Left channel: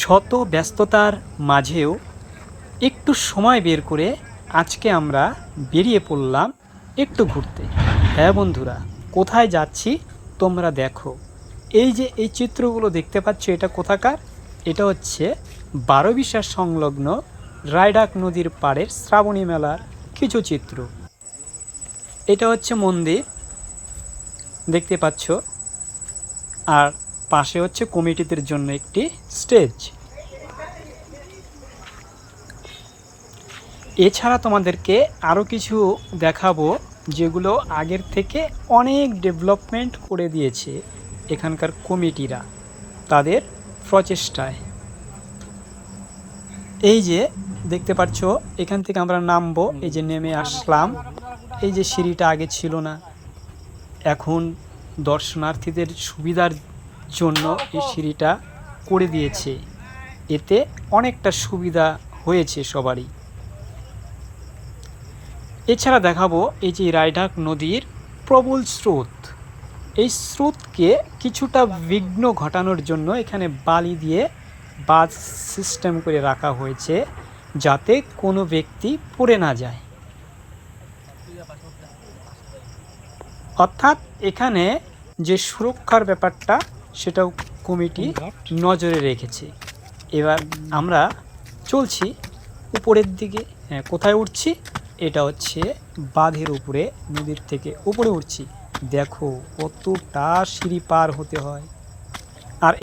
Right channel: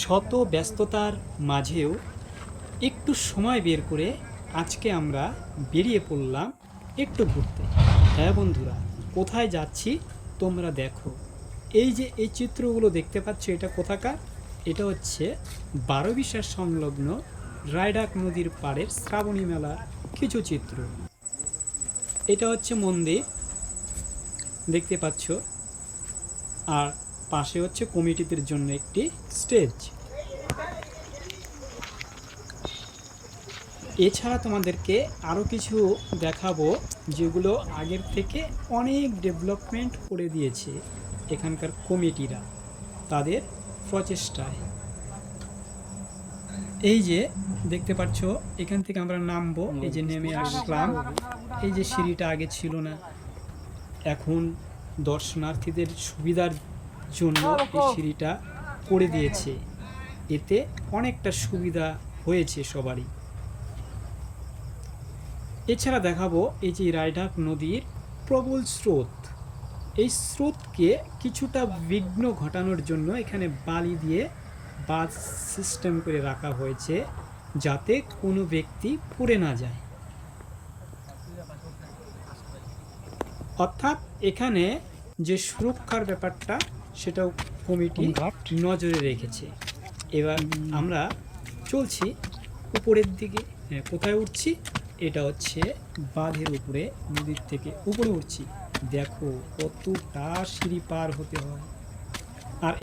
শত ব্যস্ততার মাঝেও একটু সময় বের করে আজকে আমরা বেরিয়ে পড়লাম একটু ঘুরতে। হ্যাঁ বন্ধুরা, কোথায় যাচ্ছি তোমরা দেখো। এই যে এই চিত্রগুলো দেখতে পাচ্ছ, এটা কোথাকার? এটা হচ্ছে বারোবিশা সংলগ্ন রায়ডাক নদীর পাড়ের শ্রাবণী মেলার কিছু চিত্র। এটা হচ্ছে মন্দির দেখতে পাচ্ছ, আর পাশে হচ্ছে কমিটিদের জন্য একটি স্টেজ। এছাড়া তোমাদেরকে আরও কিছু দেখাবো, যেগুলো আগের থেকে অনেক ডেভেলপমেন্ট করে দিয়েছে এখানকার কমিটিরা তাদের প্রচেষ্টায়। এই যে দেখতে পাচ্ছ, এখান থেকে আমরা নামবো, এই যে নেমে আসলাম। এই যে সিঁড়িটা আগে ছিল না, এখন দর্শনার্থীদের সুবিধার জন্য এই সিঁড়িটা করে দিয়েছে। এতে অনেকটা সুবিধা হয়েছে সবারই। এছাড়া দেখাবো এই যে রায়ডাক নদীর প্রবল স্রোত। এই স্রোতকে কিছুটা বিঘ্ন ঘটানোর জন্য এখানে বালি দিয়ে বাঁধ সিস্টেম করে রাখা হয়েছে, যাতে কোনো ব্যক্তি পড়ে না যায়। অর্থাৎ এখানে যে সুরক্ষার ব্যাপারটা, সেটাও কমিটি নজরে রেখেছে। এবার আমরা চলছি উপরের দিকে। হ্যাঁ, কোথায় উঠছি? এটা হচ্ছে বাঁধের উপরে, নদীর থেকে উপরে উঠছি। দেখো কতটা সিঁড়ি পার হতে হয়।